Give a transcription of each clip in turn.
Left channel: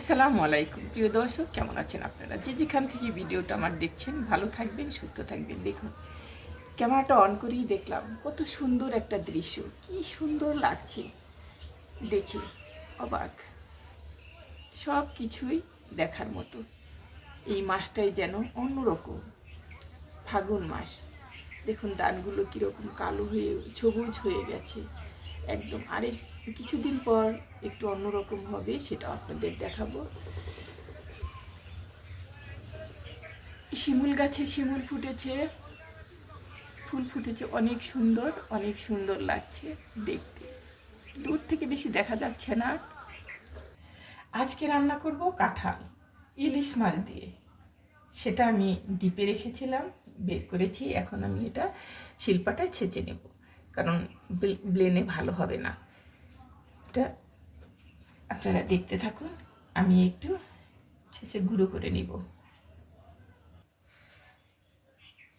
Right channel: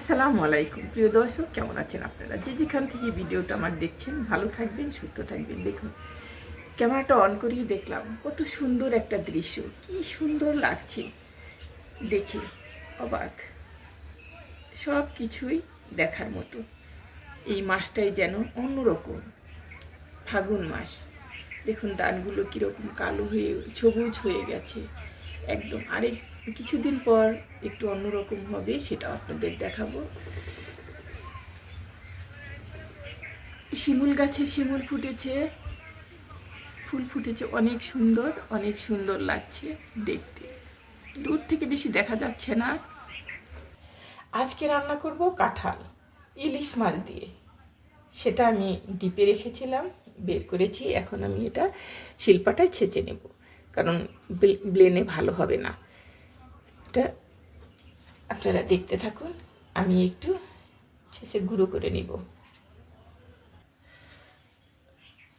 আসসালামু আলাইকুম। প্রিয় দর্শক, কেমন আছেন আপনারা? যে যেখান থেকে ভিডিওটা আমার দেখছেন, ভালো থাকবেন, সুস্থ থাকবেন। দেখুন, ক্যামেরাটা অন করেই দেখলাম, কত সুন্দর একটা দৃশ্য। কি সুন্দর লাগছে। দেখে অবাক। সব কিছুই দেখার মতো। এই মাসটাই যেন অন্যরকম। ফাগুন মাস। দেখুন, ডানগুলো কীরকম কালো হয়ে, সবুজ হয়ে গেছে। একদম আরেক কিছুদিন পর একটু অন্যরকম হবে সেটা আপনাদের দেখাবো। শিমুল গাছে শিমুল ফুটেছে। ফুল ফুটেছে, অনেক সুন্দর অনেক সুন্দর লাগছে দেখতে। দূর থেকে বেশি দেখা যাচ্ছে না। আজকে রান্না করব কাঁঠাল, ইলিশ মাছ দিয়ে। সেটা আমি ডিপে রেখেছিলাম, বের করেছি, এখন আমি এটা শিল্পাটায় ছেঁচে নেব। কারণ ব্লে- ব্লেনে ভালো হবে না। এটা আপনারা দেখতে থাকুন, আমি একটু ছেঁচে গুঁড়ো করে নিব।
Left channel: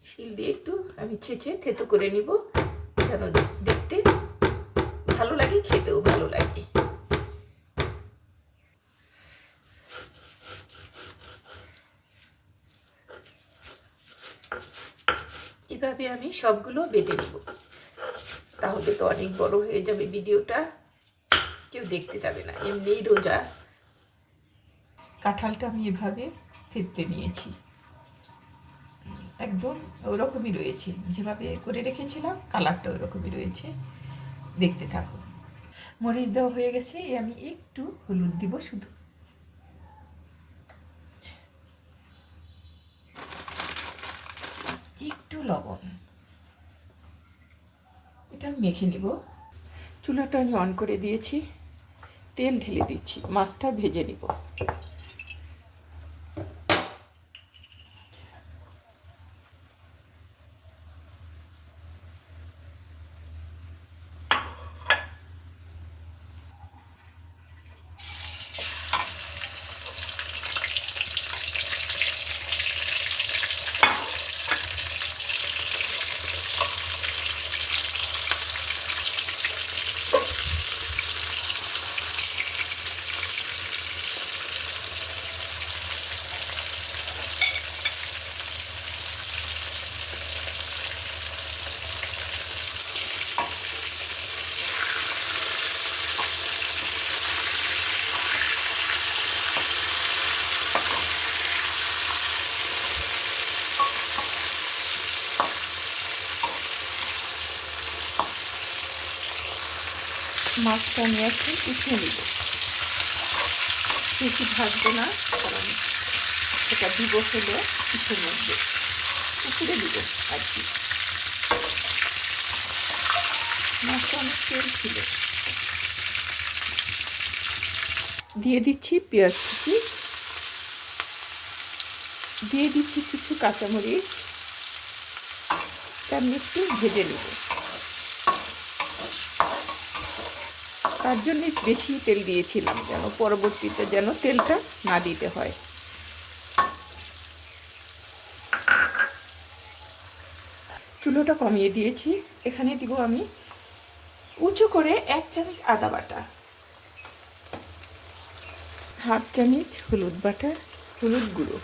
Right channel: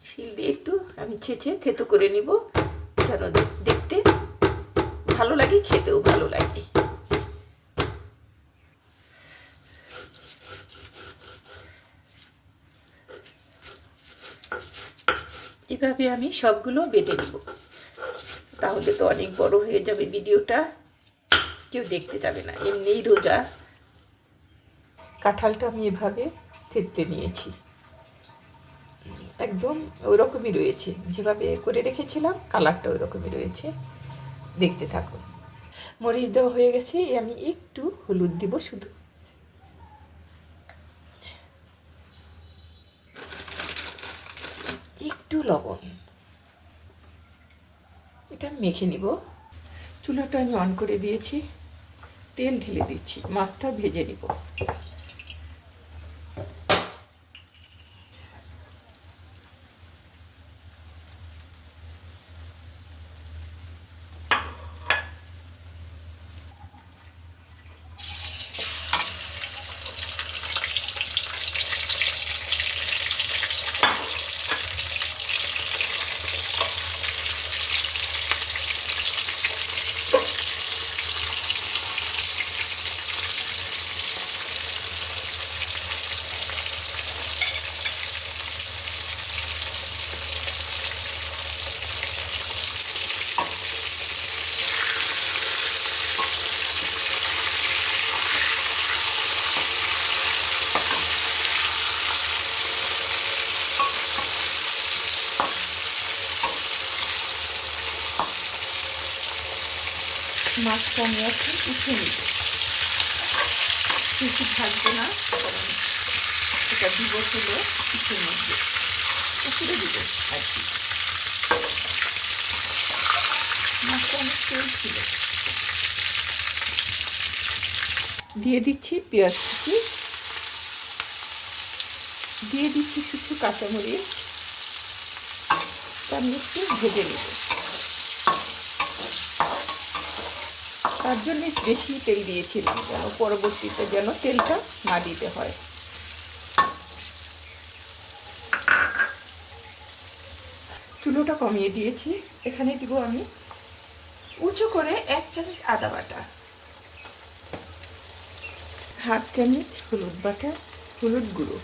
শিল দিয়ে একটু আমি ছেঁচে থেতো করে নিব, যেন দেখতে ভালো লাগে, খেতেও ভালো লাগে। এভাবে আমি সবগুলো বেটে নেব। তাহলে তো অনেক বড় হয়ে যাবে ভিডিওটা। কেউ দেখতে যাবে না। এমনিই রোজা কাঁঠালটা আমি এভাবে থেতলে নিয়েছি। একদম ওরকমই রয়েছে। যেভাবে করে রেখেছিলাম, কালারটা ওরকমই রয়েছে। দেখতে থাকো। মরিচ দেওয়া হয়ে গেছে। আমি একটু হলুদ দিব শুধু। একটু লবণ। এটা মেখে নিব। চুলাটা আমি অন করে দিয়েছি। তেল ঢেলে দিচ্ছি মাছটা ভেজে নিব। মাছটা আমি এখন উঠিয়ে নিব। বেশি ভাজবো না। এটা দিব হলে উঠিয়ে নিব। উঠিয়ে দিব আর কি। মাছটা অনেক তেল দিয়ে দিচ্ছি পেঁয়াজ কুচি। দিয়ে দিচ্ছি কিছু কাঁচামরিচ। তা আমি একটু ভেজে নেব। তার জন্য বেশি তেল দিয়েছিলাম যেন পরবর্তীতে যেন তেলটা না দিতে হয়। চুলোটা কমিয়ে দিয়েছি। এখানে দিব আমি উঁচু করে এক চামচ আদা বাটা, হাফ চামচ হলুদ বাটা, হলুদ গুঁড়ো,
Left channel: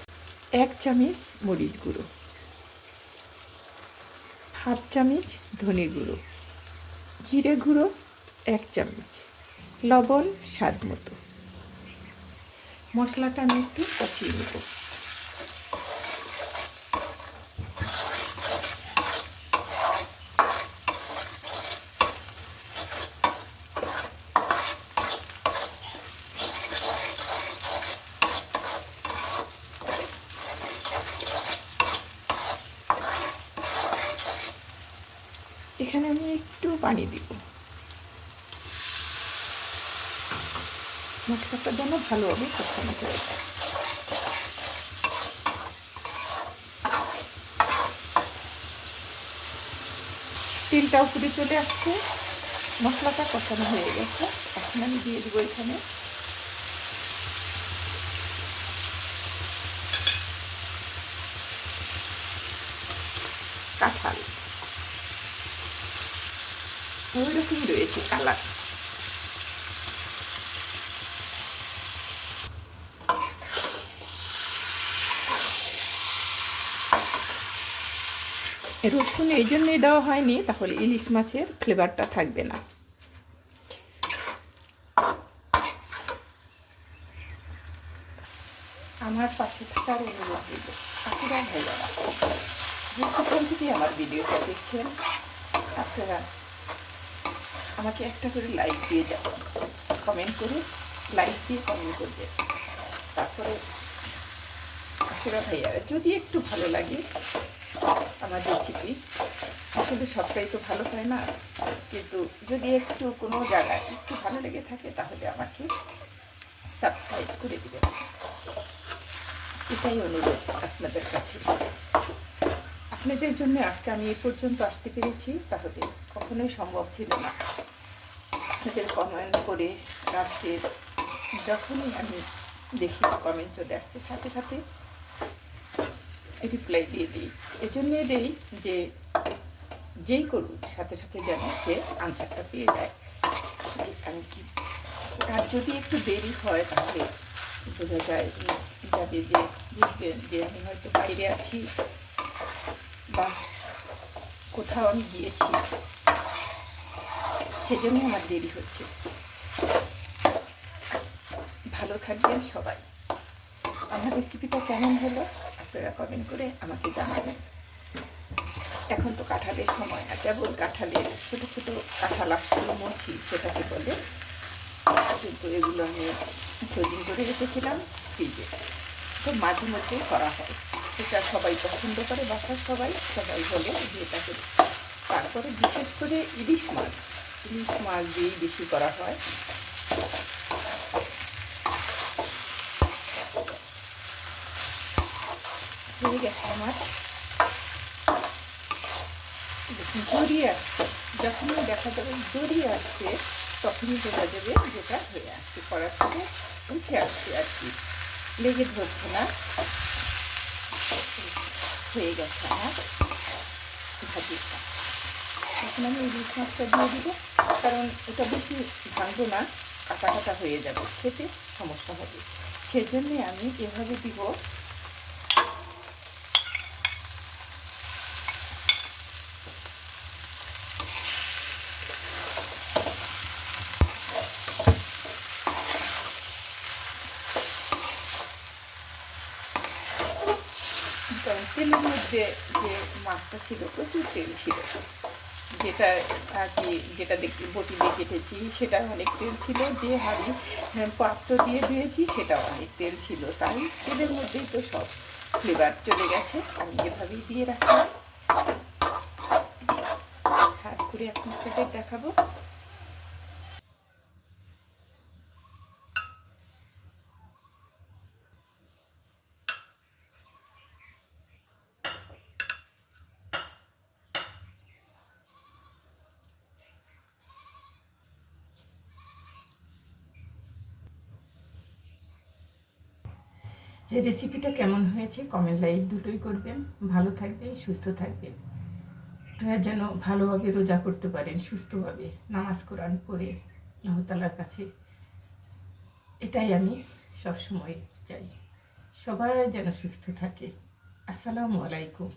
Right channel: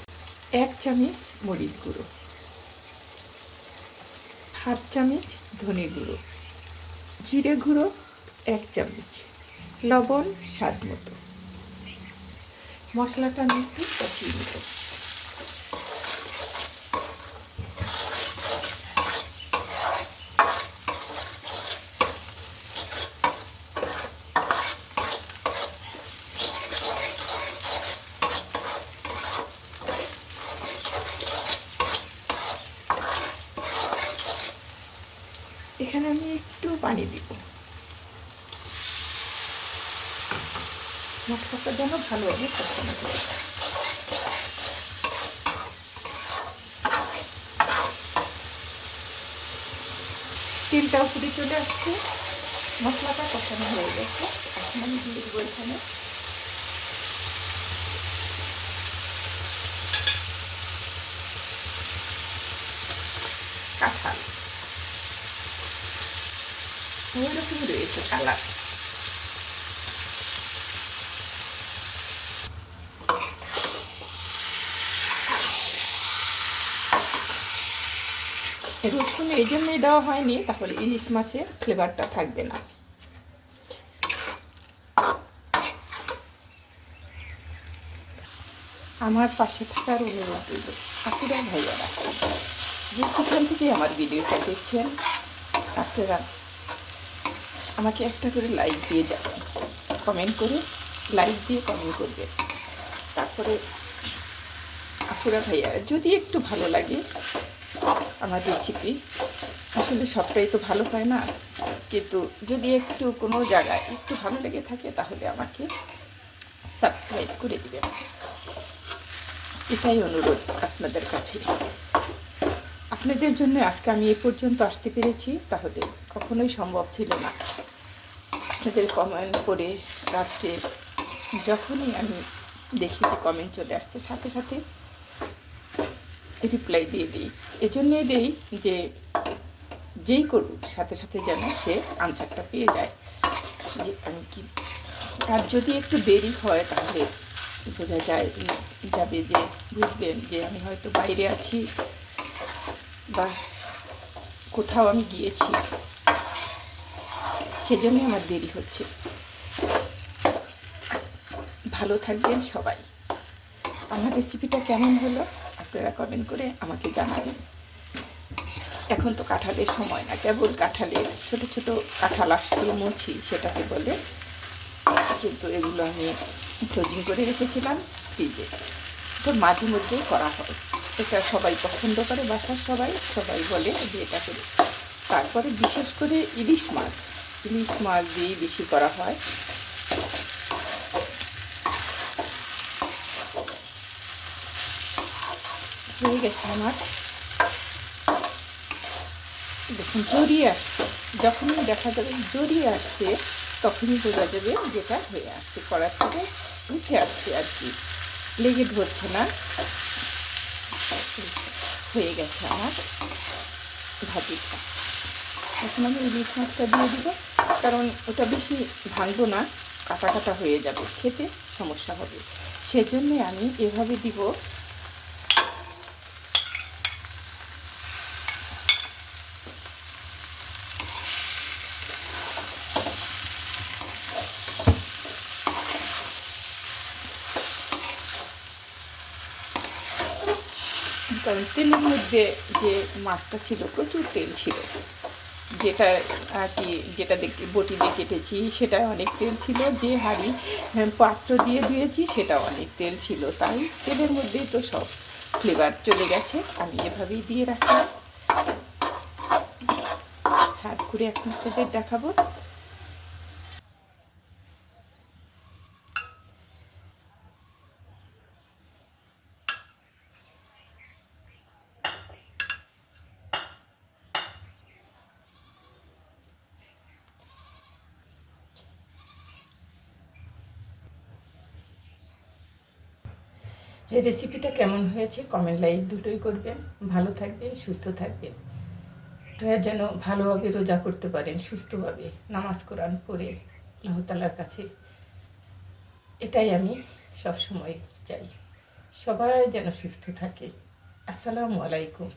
এক চামচ মরিচ গুঁড়ো, হাফ চামচ ধনে গুঁড়ো, জিরে গুঁড়ো, এক চামচ। লবণ স্বাদ মতো। মশলাটা আমি একটু কষিয়ে নেব। এখানে আমি একটু পানি দিব। মশলাটা যেন ভালোভাবে কষানো যায় তেলটা উপরে চলে আসছে। মশলাটা কষানো হয়ে গেছে। এখন আমি দিয়ে দেবো এখানে। কাঁঠাল। ওইরকমই রয়েছে কালার। রসুন এই জন্যই দেওয়া হয়নি, তাহলে ইলিশ মাছের ফ্লেভারটা থাকবে না। আমার পাশে থাকার অনুরোধ ভাইয়ারা থেকে আমার ভিডিওটা দেখছেন, আপনারা আমাকে একটা করে লাইক দিয়ে যাবেন। কমেন্ট করে লাইক দিয়ে কমেন্ট করবে তারপরে আসলে ভাইয়া যদি একটু ভালো লাগে আমার রেসিপি আসলে সবটাই তো ভালো হয় না। কিন্তু যদি একটু কোনো জায়গায় একটু ভালো লেগে থাকে, তাহলে আমাকে সাবস্ক্রাইব করে দেবেন। এটাই অনুরোধ আপনাদের কাছে। আপনাদের জন্য আজকে আমি এ পর্যন্ত আসতে পেরেছি। তাহলে কখনোই সম্ভব ছিল না। আপনাদের কমেন্ট করে লাস্টে যখনই আমি দেখি কমেন্ট চলে আসছে, সাথে সাথে রিপ্লাই দিয়ে দিই। এজন্যই দিই যে যেই করুক, সাথে সাথে যেন সে আনসারটা পেয়ে যায়। যে আমি কি আর যদি একটু দেরি হয় তাহলে বোঝা যায় যাবে যে বুঝবেন যে আমি হয়তো বাইরে আছি বা কোথাও আমি গিয়েছি। সেজন্য আমার দেরি হচ্ছে। ভালো থাকবেন সবাই। আমার রেসিপিটা কেমন হলো? আপনারা কমেন্ট করে আমাকে জানাবেন। এখন তো কাঁঠালের সময় না, কেবল কাঁঠালের ছোট ছোট কাঁঠাল আসছে, মুছি সেটাকে বলে। কিন্তু এগুলো আমি ফ্রোজিং করে রেখেছিলাম ফ্রিজে তো মাঝে মধ্যেই করা হয়। এটা সবাই পছন্দ করে বাসার সবাই সবাই বলে যে এটা করে। তারপরে বিশেষ করে ইলিশ মাছ। ইলিশ মাছ দিয়েই বেশি করা হয়। হয়ে গেছে আমার। দেখুন, জড়িয়ে আসছে। যখনই দেখা যাবে জড়িয়ে আসছে, তখনই বোঝা যাবে যেটা হয়ে আসছে করার থেকে উঠে আসছে আর কি। লেগে ধরছে না। হয়ে গেছে আমার ভাজিটা। এখন আমি ইলিশ মাছটা দিয়ে দিব, কারণ এটা বেশি ভাঙবো না, কাটা কাটা হয়ে যাবে, খেতে সমস্যা হবে। সেজন্যে আমি এভাবে দিব কারণ তেলের মধ্যে যে মাছটা ছিল প্রচুর তেল ছিল। যেটা আর কি যেটা দেখে বটি দিয়ে কেটেছি সেটা অনেক তেল ছিল। যে হাঁড়ি হ্যাঁ, পাত্র দিয়ে দিয়েছি সেটা অনেক তেল ছিল। তাই তেলের মধ্যেই তো সব ফ্লেভার চলে গেছে। আমি এভাবেই দিয়ে রাখলাম। সার্ভ করে এখন আপনাদের দেখাবো। এই রেসিপিটা কেমন হয়েছে? কমেন্ট লাইক দুটোই করবেন। ভালো থাকবেন, সুস্থ থাকবেন। যেন ভালোভাবে রোজা করতে পারেন, সুস্থভাবে নামাজ, কোরআন পড়ে আল্লাহতালার কাছে। এটাই আমি সবসময় চাই। সবাই যেন সুস্থ থাকে। আসসালামু আলাইকুম।